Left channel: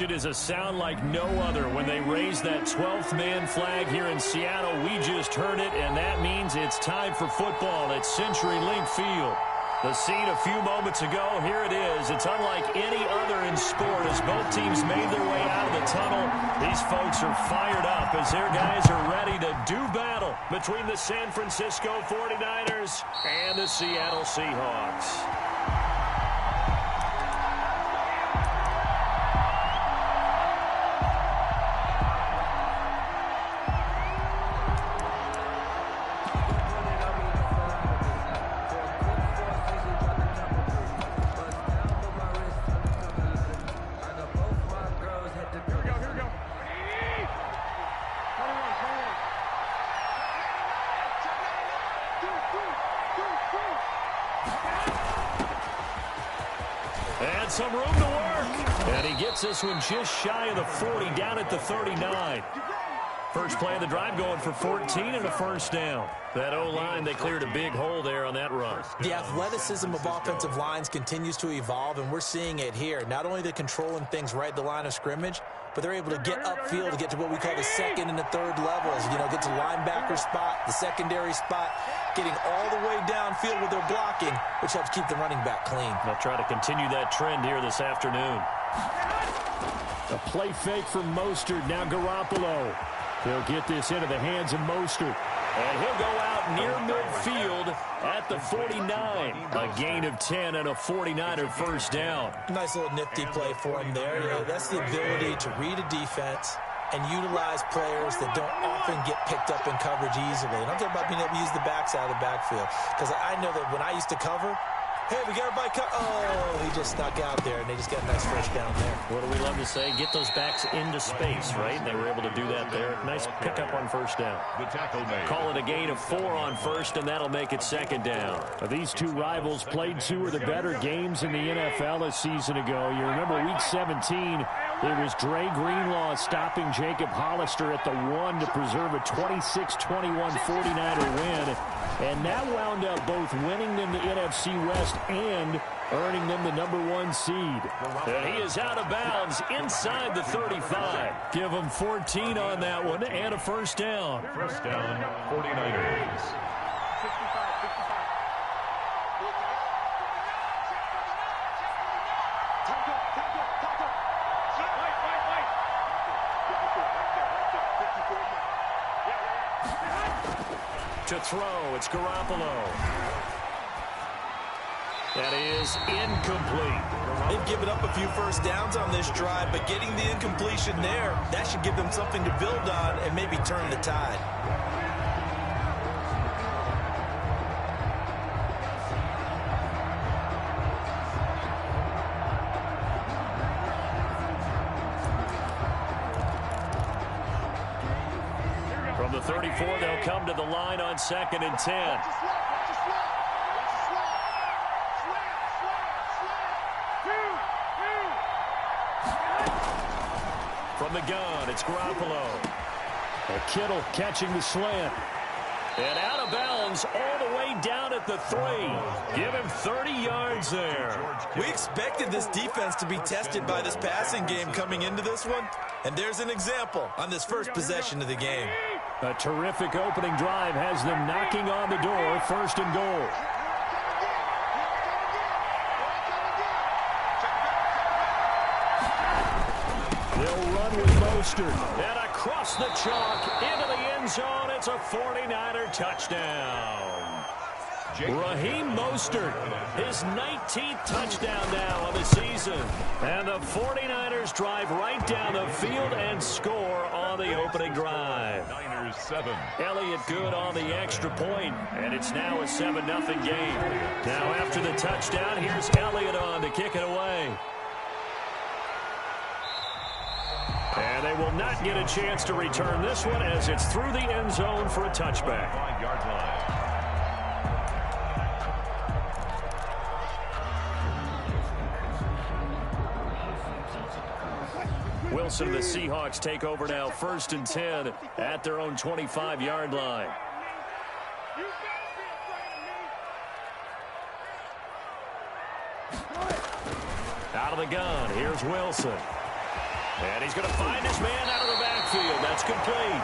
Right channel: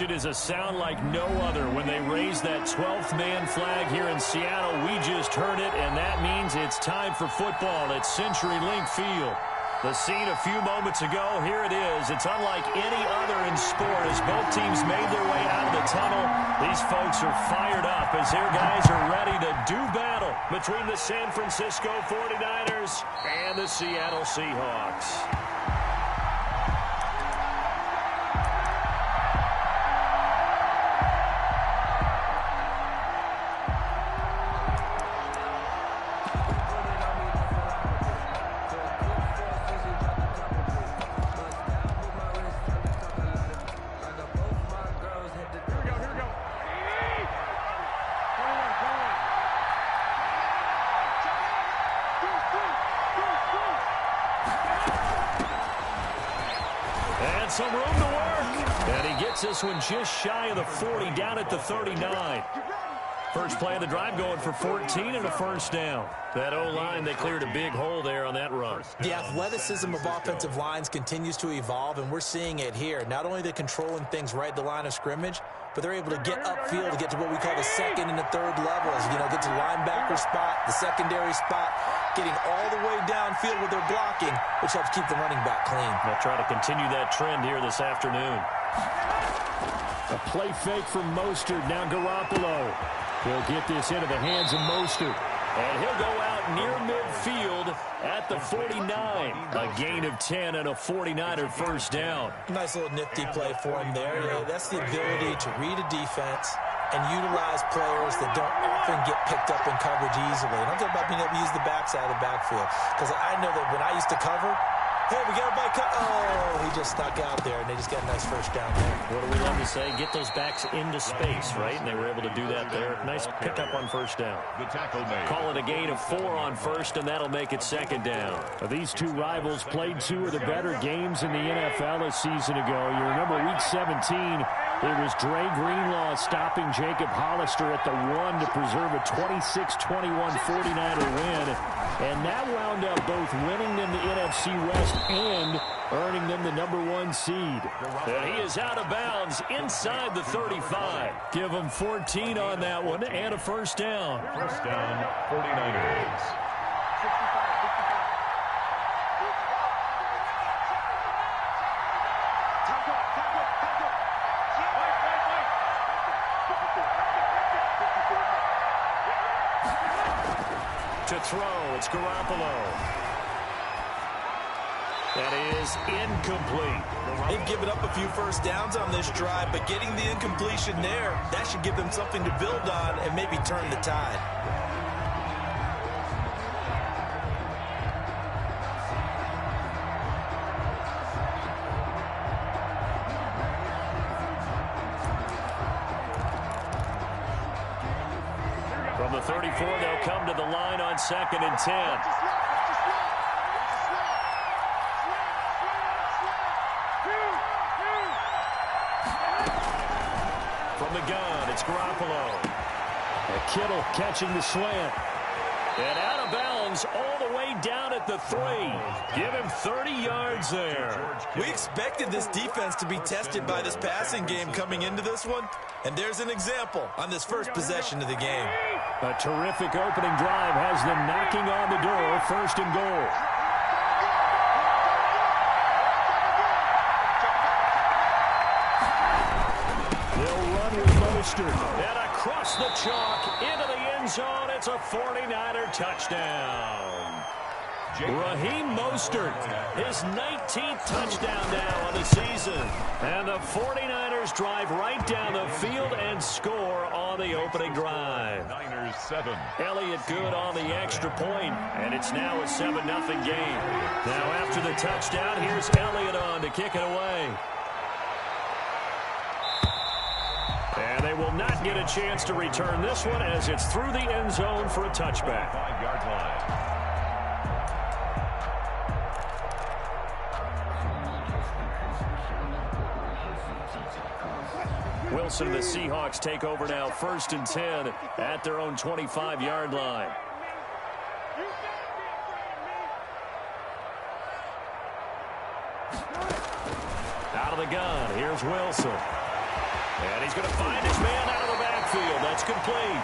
It is a sound like no other when they raise that 12th man flag here in Seattle. We just heard it, and that means it's time for football at CenturyLink Field. The scene a few moments ago, here it is. It's unlike any other in sport as both teams made their way out of the tunnel. These folks are fired up as their guys are ready to do battle between the San Francisco 49ers and the Seattle Seahawks. And some room to work. And he gets this one just shy of the 40, down at the 39. First play of the drive going for 14 and a first down. That O-line, they cleared a big hole there on that run. The athleticism of offensive lines continues to evolve, and we're seeing it here. Not only are they controlling things right at the line of scrimmage, but they're able to get upfield to get to what we call the second and the third levels. You know, get to the linebacker spot, the secondary spot, getting all the way downfield with their blocking, which helps keep the running back clean. They'll try to continue that trend here this afternoon. A play fake from Mostert. Now Garoppolo. He'll get this into the hands of Mostert. And he'll go out near midfield at the 49. A gain of 10 and a 49er first down. Nice little nifty play for him there. Yeah, that's the ability to read a defense and utilize players that don't often get picked up in coverage easily. And I'm talking about being able to use the backside of the backfield. Because I know that when I used to cover, hey, we got everybody cut. Oh, he just snuck out there, and they just got a nice first down there. What do we love to say? Get those backs into space, right? And they were able to do that there. Nice pickup on first down. Call it a gain of 4 on first, and that'll make it second down. These two rivals played two of the better games in the NFL a season ago. You remember Week 17, it was Dre Greenlaw stopping Jacob Hollister at the 1 to preserve a 26-21 49er win. And that wound up both winning them the NFC West and earning them the #1 seed. And he is out of bounds inside the 35. Give him 14 on that one and a first down. First down, 49ers. 65. To throw, it's Garoppolo. That is incomplete. They've given up a few first downs on this drive, but getting the incompletion there, that should give them something to build on and maybe turn the tide. From the 34, they'll come to the line on 2nd and 10. From the gun, it's Garoppolo. And Kittle catching the slant. And out of bounds all the way down at the 3. Give him 30 yards there. We expected this defense to be tested by this passing game coming into this one. And there's an example on this first possession of the game. A terrific opening drive has them knocking on the door, 1st and goal. They'll run with Mostert. And across the chalk into the end zone. It's a 49er touchdown. Raheem Mostert, his 19th touchdown now on the season. And the 49ers drive right down the field and score on the opening drive. Niners 7. Elliott good on the extra point, and it's now a 7-0 game. Now after the touchdown, here's Elliott on to kick it away. And they will not get a chance to return this one as it's through the end zone for a touchback. 5-yard line. Wilson, the Seahawks take over now, 1st and 10 at their own 25-yard line. Out of the gun, here's Wilson. And he's going to find his man out of the backfield. That's complete.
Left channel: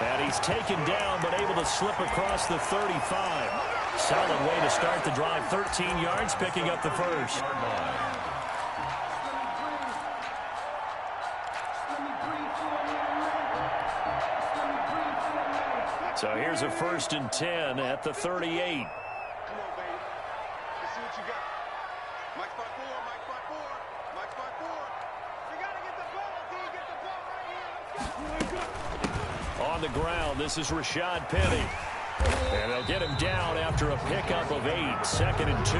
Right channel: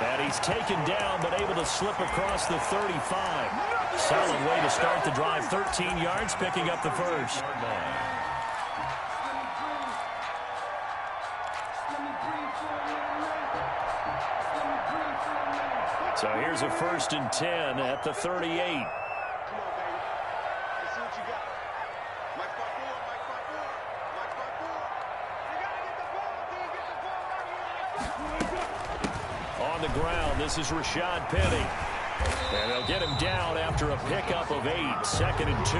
And he's taken down, but able to slip across the 35. Solid way to start the drive. 13 yards, picking up the first. So here's a 1st and 10 at the 38. Come on, baby. Let's see what you got. Mike 5-4, Mike 5-4, Mike 5-4. You got to get the ball, D. Get the ball right here. Let's go. On the ground, this is Rashad Penny. And they'll get him down after a pickup of 8. 2nd and 2.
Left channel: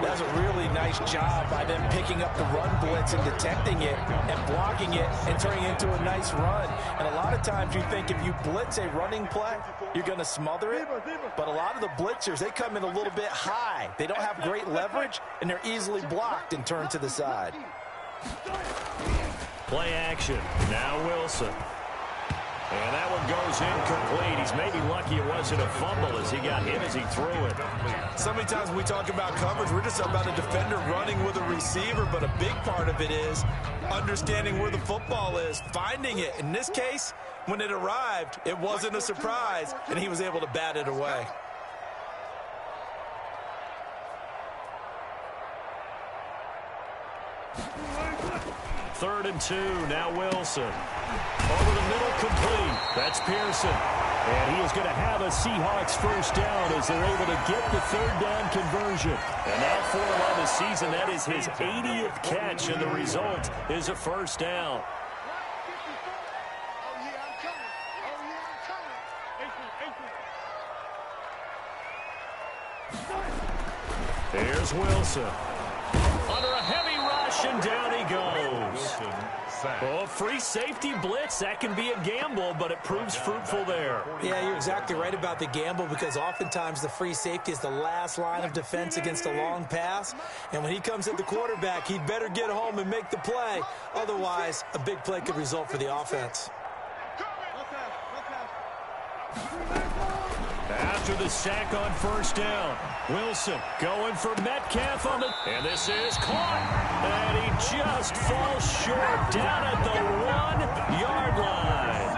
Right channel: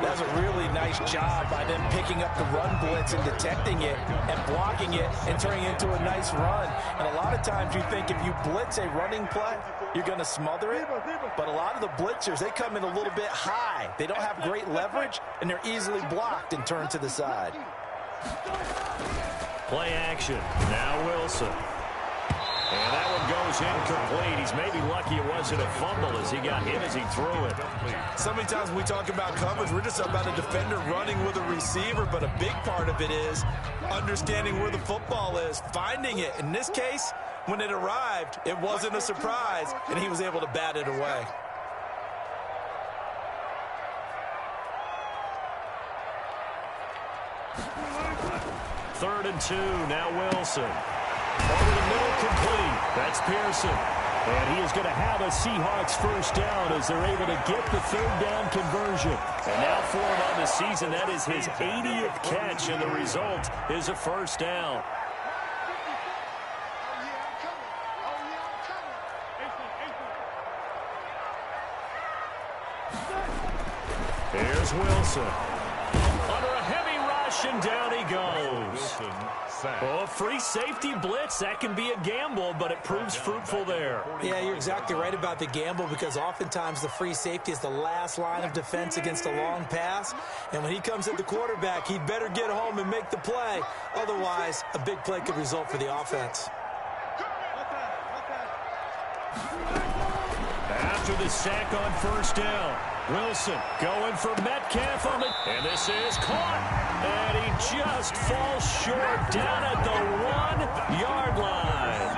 That's a really nice job by them picking up the run blitz and detecting it and blocking it and turning it into a nice run. And a lot of times you think if you blitz a running play, you're going to smother it. But a lot of the blitzers, they come in a little bit high. They don't have great leverage, and they're easily blocked and turned to the side. Play action. Now Wilson. And that one goes incomplete. He's maybe lucky it wasn't a fumble as he got hit as he threw it. So many times when we talk about coverage, we're just about a defender running with a receiver, but a big part of it is understanding where the football is, finding it. In this case, when it arrived, it wasn't a surprise, and he was able to bat it away. Third and 2, now Wilson. Over the middle, complete. That's Pearson. And he is going to have a Seahawks first down as they're able to get the 3rd down conversion. And now for him on the season, that is his 80th catch, and the result is a first down. Here's Wilson. Under a heavy rush, and down he goes. Oh, free safety blitz. That can be a gamble, but it proves fruitful there. Yeah, you're exactly right about the gamble, because oftentimes the free safety is the last line of defense against a long pass. And when he comes at the quarterback, he'd better get home and make the play. Otherwise, a big play could result for the offense. After the sack on first down, Wilson going for Metcalf on it. And this is caught. And he just falls short down at the 1-yard line.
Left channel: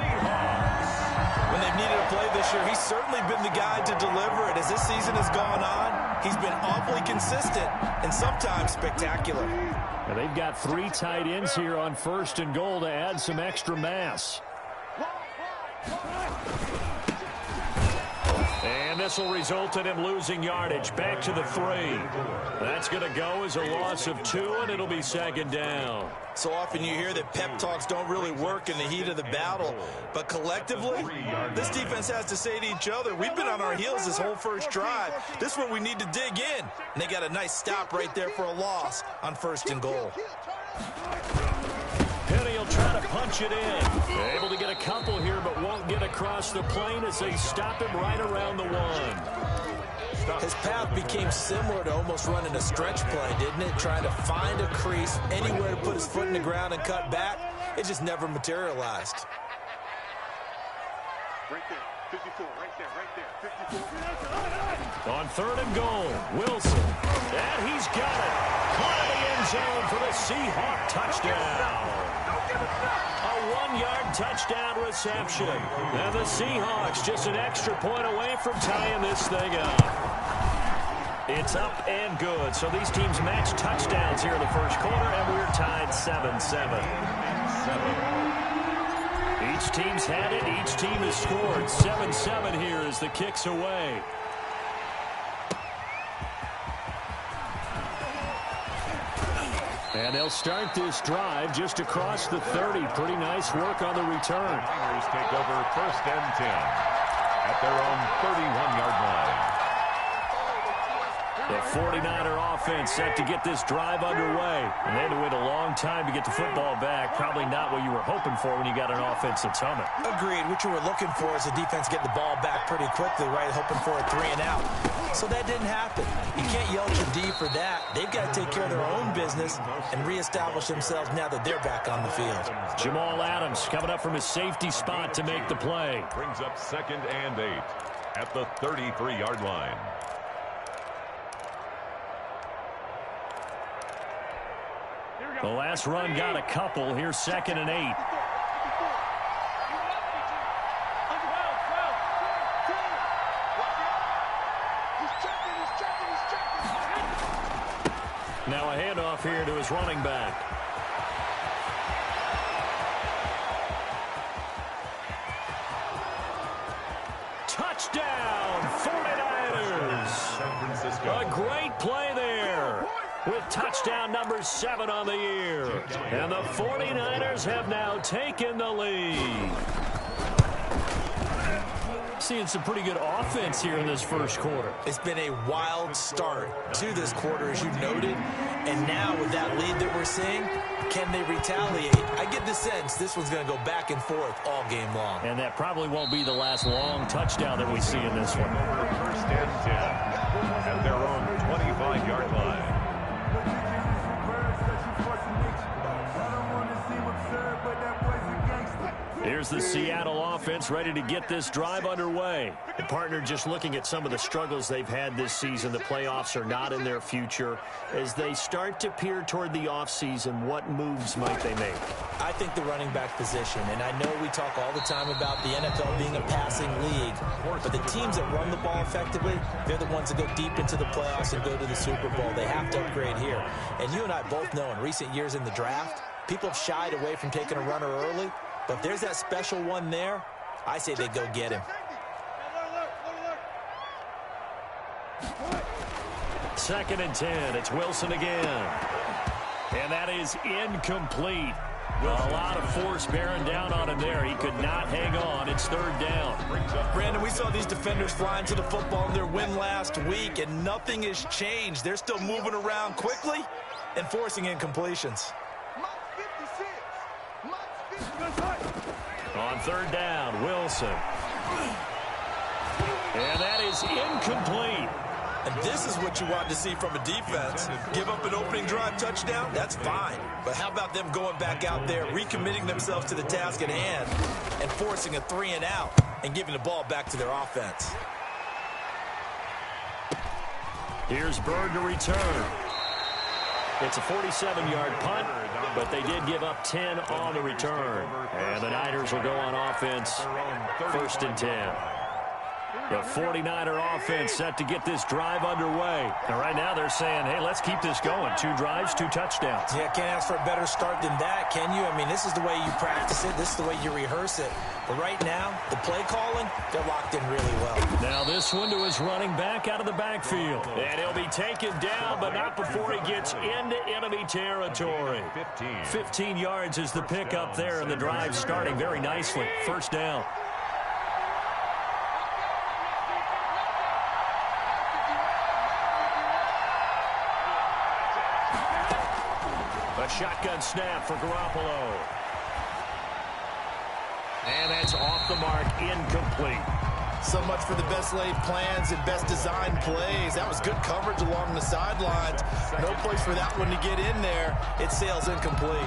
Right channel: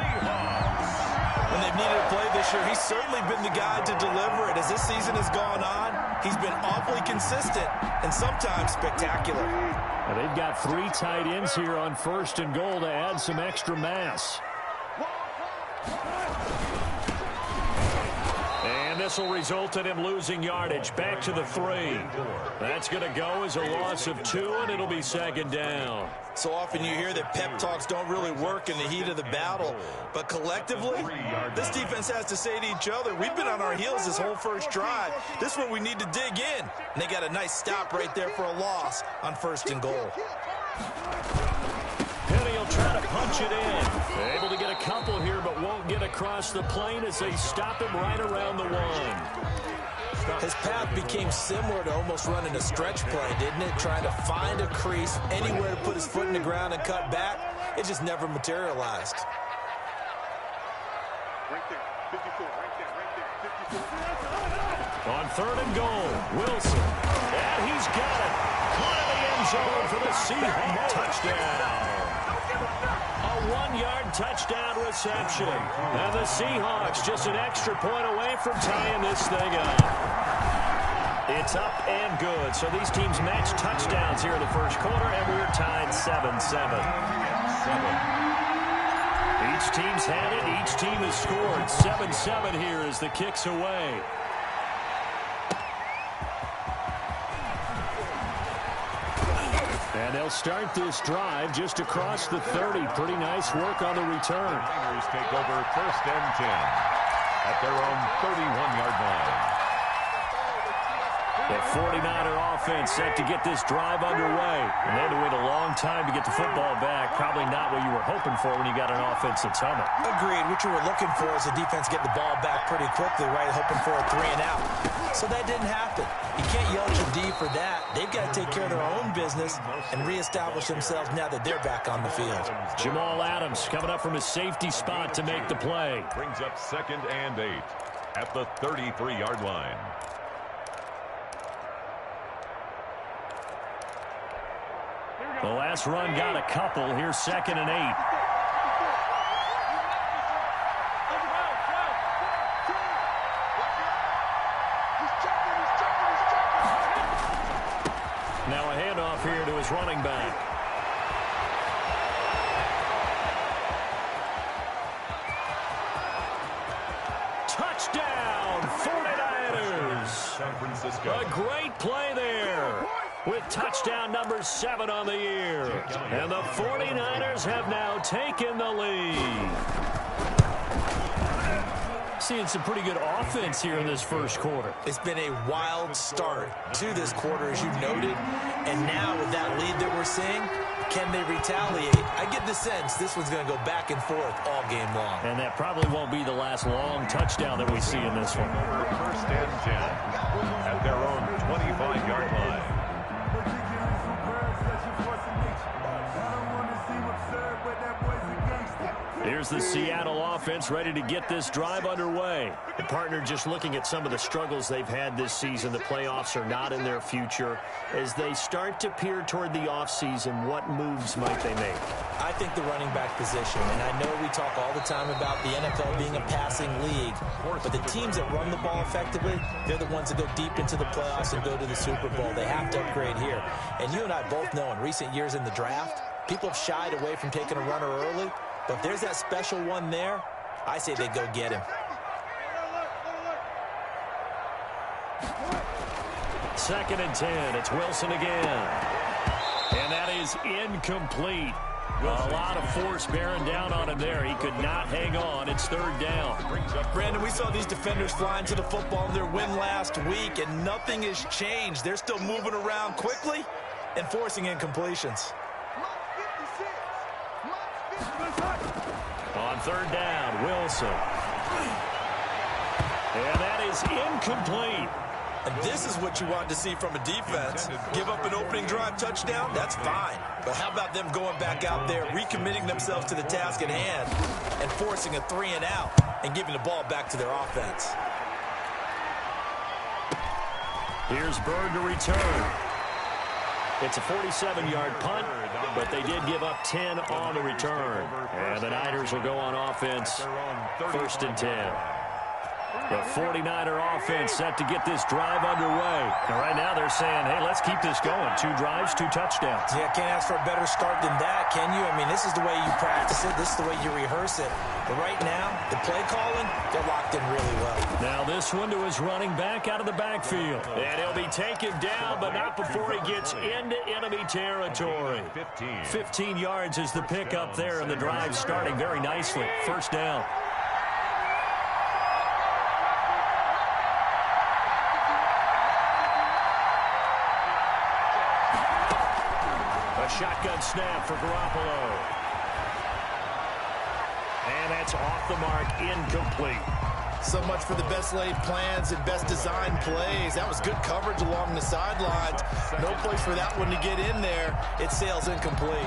When they've needed a play this year, he's certainly been the guy to deliver it. As this season has gone on, he's been awfully consistent and sometimes spectacular. And they've got 3 tight ends here on 1st and goal to add some extra mass. And this will result in him losing yardage back to the 3. That's going to go as a loss of 2, and it'll be 2nd down. So often you hear that pep talks don't really work in the heat of the battle, but collectively, this defense has to say to each other, we've been on our heels this whole first drive. This is where we need to dig in. And they got a nice stop right there for a loss on 1st and goal. Penny will try to punch it in. Able to get a couple here, but won't get across the plane as they stop him right around the 1. His path became similar to almost running a stretch play, didn't it? Trying to find a crease, anywhere to put his foot in the ground and cut back. It just never materialized. Right there, 54, right there, 54. On 3rd and goal, Wilson. And he's got it. Caught in the end zone for the Seahawk touchdown. A 1-yard touchdown reception. And the Seahawks just an extra point away from tying this thing up. It's up and good. So these teams match touchdowns here in the first quarter, and we're tied 7-7. Each team's had it. Each team has scored. 7-7 here as the kick's away. And they'll start this drive just across the 30. Pretty nice work on the return. The Niners take over 1st and 10 at their own 31-yard line. The 49er offense set to get this drive underway. And they had to wait a long time to get the football back. Probably not what you were hoping for when you got an offense that's humming. Agreed. What you were looking for is the defense getting the ball back pretty quickly, right? Hoping for a 3 and out. So that didn't happen. You can't yell at your D for that. They've got to take care of their own business and reestablish themselves now that they're back on the field. Jamal Adams coming up from his safety spot to make the play. Brings up 2nd and 8 at the 33-yard line. The last run got a couple. Here's 2nd and 8. Now a handoff here to his running back. Touchdown, 49ers. San Francisco. A great play there with touchdown number 7 on the year. And the 49ers have now taken the lead. Seeing some pretty good offense here in this first quarter. It's been a wild start to this quarter, as you noted. And now with that lead that we're seeing, can they retaliate? I get the sense this one's going to go back and forth all game long. And that probably won't be the last long touchdown that we see in this one. 1st and 10 at their own 25-yard line. Here's the Seattle offense ready to get this drive underway. And partner, just looking at some of the struggles they've had this season, the playoffs are not in their future. As they start to peer toward the offseason, what moves might they make? I think the running back position, and I know we talk all the time about the NFL being a passing league, but the teams that run the ball effectively, they're the ones that go deep into the playoffs and go to the Super Bowl. They have to upgrade here. And you and I both know in recent years in the draft, people have shied away from taking a runner early. But if there's that special one there, I say they go get him. 2nd and 10. It's Wilson again. And that is incomplete. A lot of force bearing down on him there. He could not hang on. It's 3rd down. Brandon, we saw these defenders flying to the football in their win last week, and nothing has changed. They're still moving around quickly and forcing incompletions. On 3rd down, Wilson. And that is incomplete. And this is what you want to see from a defense. Give up an opening drive touchdown, that's fine. But how about them going back out there, recommitting themselves to the task at hand, and forcing a 3-and-out and giving the ball back to their offense. Here's Bird to return. It's a 47-yard punt, but they did give up 10 on the return. And the Niners will go on offense, 1st and 10. The 49er offense set to get this drive underway. And right now they're saying, hey, let's keep this going. 2 drives, 2 touchdowns. Yeah, can't ask for a better start than that, can you? I mean, this is the way you practice it. This is the way you rehearse it. But right now, the play calling, they're locked in really well. Now this one to his running back out of the backfield. And he'll be taken down, but not before he gets into enemy territory. 15 yards is the pickup there, and the drive starting very nicely. 1st down. A shotgun snap for Garoppolo. And that's off the mark, incomplete. So much for the best laid plans and best designed plays. That was good coverage along the sidelines. No place for that one to get in there. It sails incomplete.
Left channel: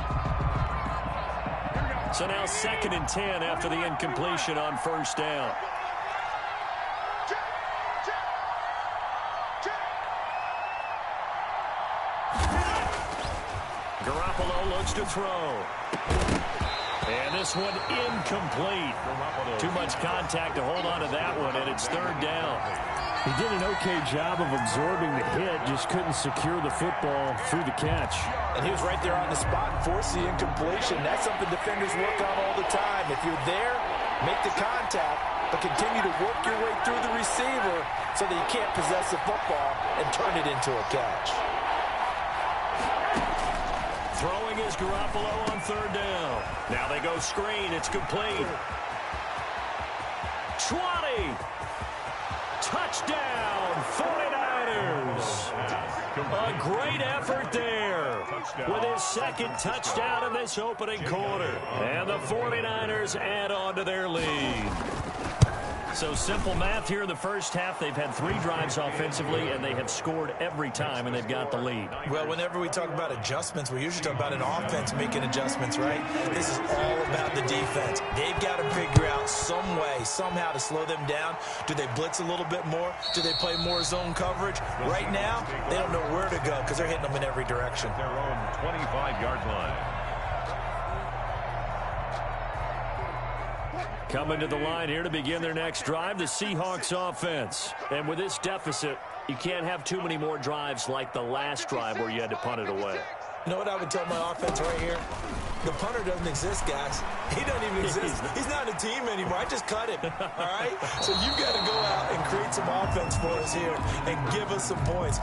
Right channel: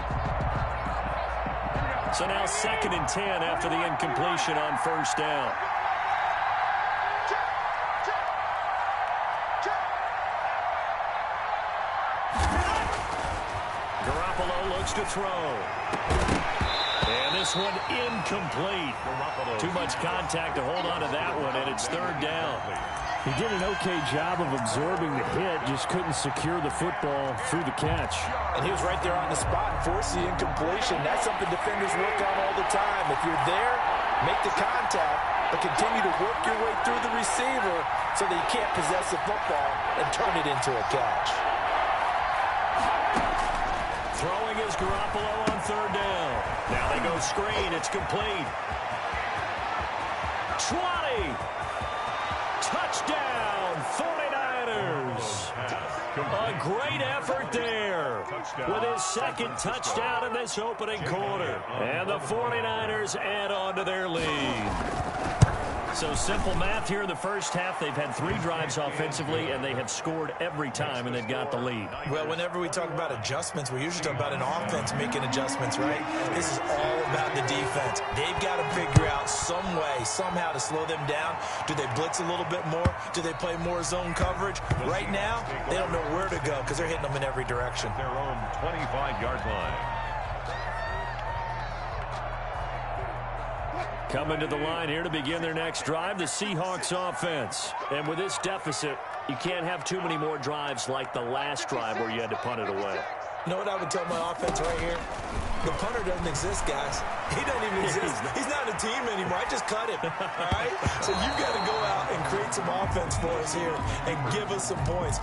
So now 2nd and 10 after the incompletion on 1st down. Garoppolo looks to throw. And this one incomplete. Too much contact to hold on to that one, and it's 3rd down. He did an okay job of absorbing the hit, just couldn't secure the football through the catch. And he was right there on the spot and forced the incompletion. That's something defenders work on all the time. If you're there, make the contact, but continue to work your way through the receiver so that you can't possess the football and turn it into a catch. Throwing is Garoppolo on 3rd down. Now they go screen. It's complete. 20. Touchdown, 49ers. A great effort there with his 2nd touchdown in this opening quarter. And the 49ers add on to their lead. So simple math here in the first half. They've had 3 drives offensively, and they have scored every time, and they've got the lead. Well, whenever we talk about adjustments, we usually talk about an offense making adjustments, right? This is all about the defense. They've got to figure out some way, somehow to slow them down. Do they blitz a little bit more? Do they play more zone coverage? Right now, they don't know where to go because they're hitting them in every direction. Their own 25-yard line. Coming to the line here to begin their next drive, the Seahawks offense. And with this deficit, you can't have too many more drives like the last drive where you had to punt it away. You know what I would tell my offense right here? The punter doesn't exist, guys. He doesn't even exist. He's not a team anymore. I just cut him, all right? So you've got to go out and create some offense for us here and give us some points.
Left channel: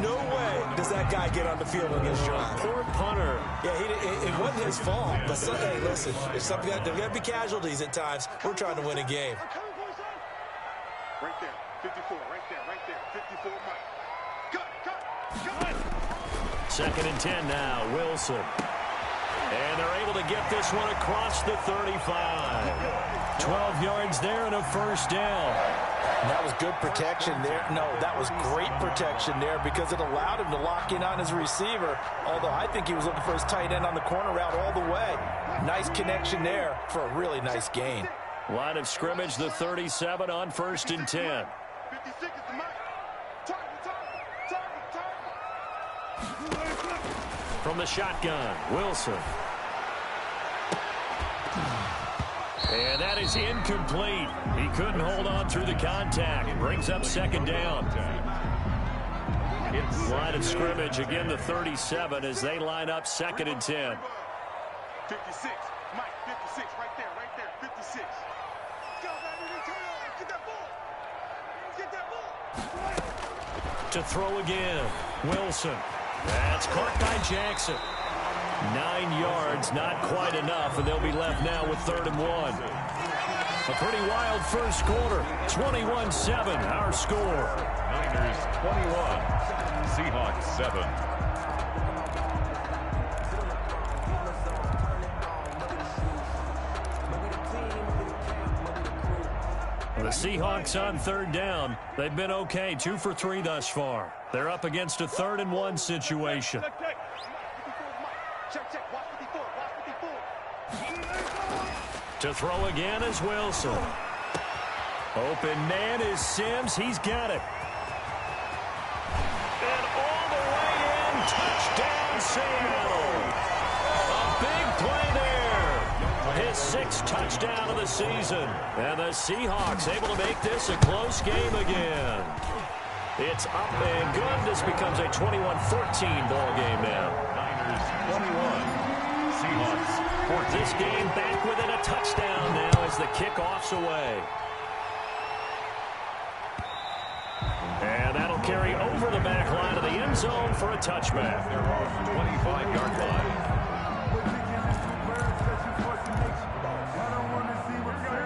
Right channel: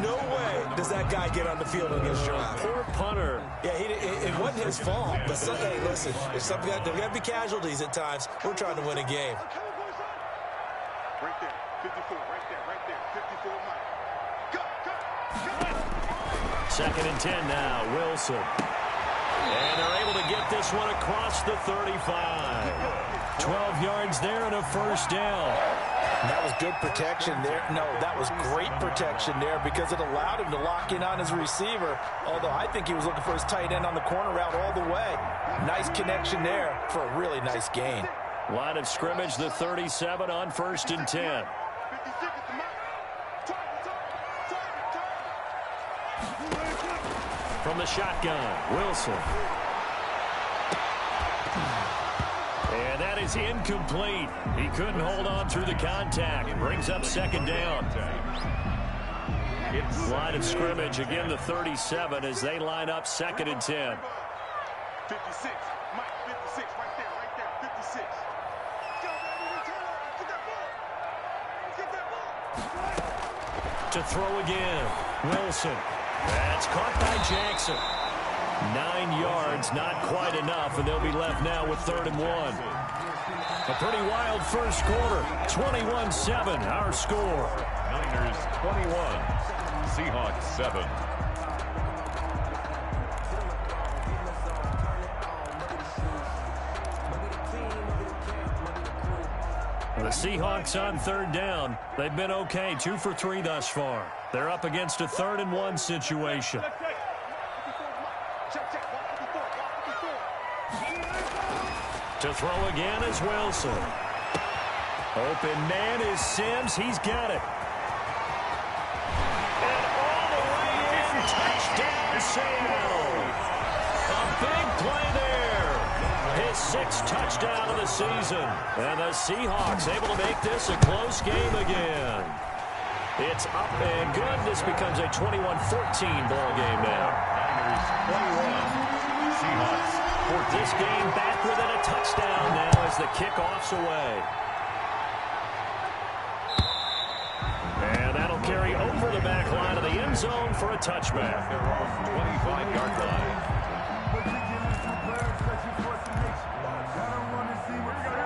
No way does that guy get on the field on this drive. Poor punter. Yeah, it wasn't his fault. But, hey, listen, there's got to be casualties at times. We're trying to win a game. Right there, 54, right there, 54, Mike. Cut. 2nd and 10 now, Wilson. And they're able to get this one across the 35. 12 yards there and a first down. And that was good protection there. No, that was great protection there because it allowed him to lock in on his receiver, although I think he was looking for his tight end on the corner route all the way. Nice connection there for a really nice gain. Line of scrimmage, the 37 on 1st and 10. 56 is the mark. Target. From the shotgun, Wilson. And that is incomplete. He couldn't hold on through the contact. Brings up 2nd down. Line of scrimmage, again the 37 as they line up 2nd and 10. 56, Mike, 56, right there, 56. Get that ball. To throw again, Wilson. That's caught by Jackson. 9 yards, not quite enough, and they'll be left now with 3rd and 1. A pretty wild first quarter. 21-7, our score. Niners 21, Seahawks 7. The Seahawks on 3rd down. They've been okay, 2 for 3 thus far. They're up against a 3rd and 1 situation. To throw again is Wilson. Open man is Sims. He's got it. And all the way in. Touchdown, Seattle. A big play there. His 6th touchdown of the season. And the Seahawks able to make this a close game again. It's up and good. This becomes a 21-14 ball game now. Niners 21, Seahawks 14. This game back within a touchdown now as the kickoff's away. And that'll carry over the back line of the end zone for a touchback. Their own 25-yard line.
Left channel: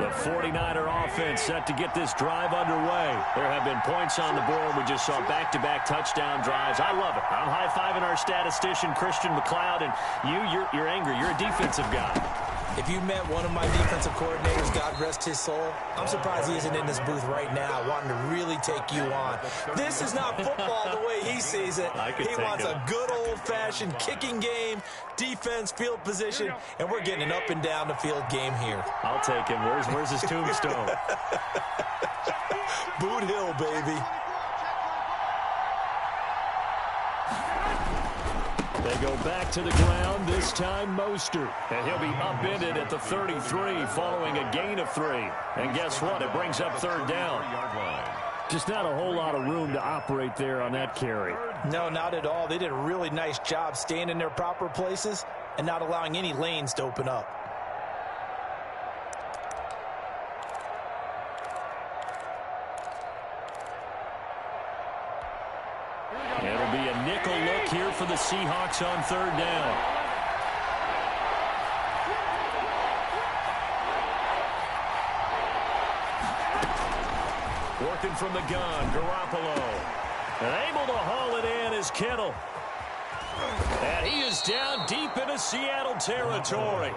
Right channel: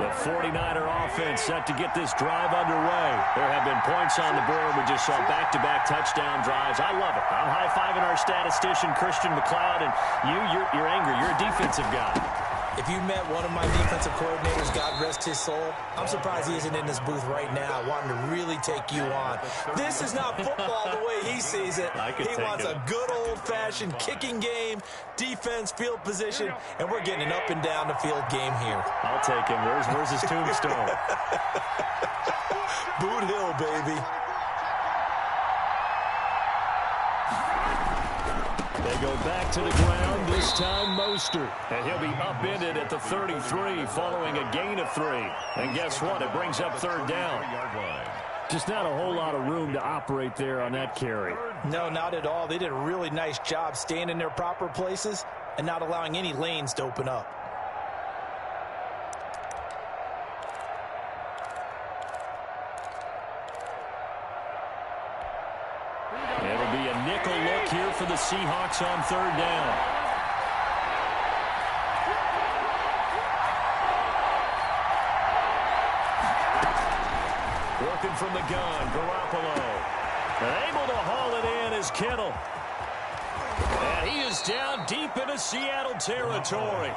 The 49er offense set to get this drive underway. There have been points on the board. We just saw back-to-back touchdown drives. I love it. I'm high-fiving our statistician, Christian McLeod, and you're angry. You're a defensive guy. If you met one of my defensive coordinators, God rest his soul, I'm surprised he isn't in this booth right now wanting to really take you on. This is not football the way he sees it. He wants a good old-fashioned kicking game, defense, field position, and we're getting an up and down the field game here. I'll take him. Where's his tombstone? Boot Hill, baby. They go back to the ground, this time Mostert. And he'll be upended at the 33 following a gain of 3. And guess what? It brings up 3rd down. Just not a whole lot of room to operate there on that carry. No, not at all. They did a really nice job staying in their proper places and not allowing any lanes to open up. It'll be a nickel look here for the Seahawks on 3rd down. Working from the gun, Garoppolo. And able to haul it in is Kittle. And he is down deep into Seattle territory.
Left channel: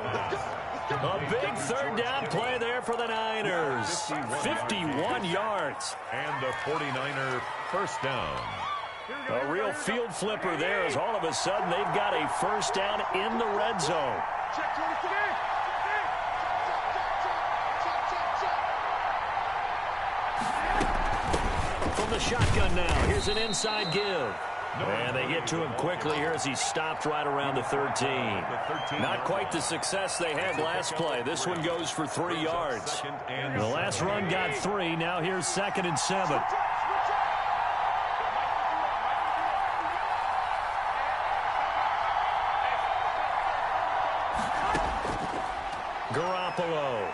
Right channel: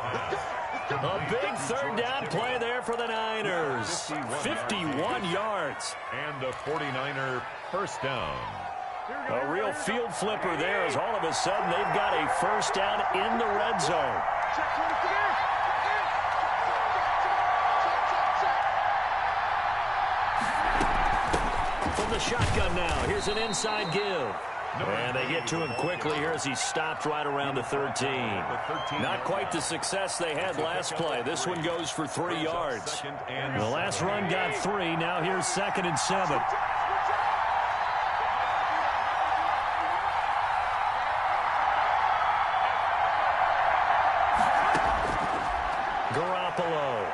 A big third down play there for the Niners. 51 yards. And a 49er first down. A real field flipper there as all of a sudden they've got a first down in the red zone. From the shotgun now, here's an inside give. And they get to him quickly here as he stopped right around the 13. Not quite the success they had last play. This one goes for 3 yards. The last run got 3. Now here's 2nd and 7. Garoppolo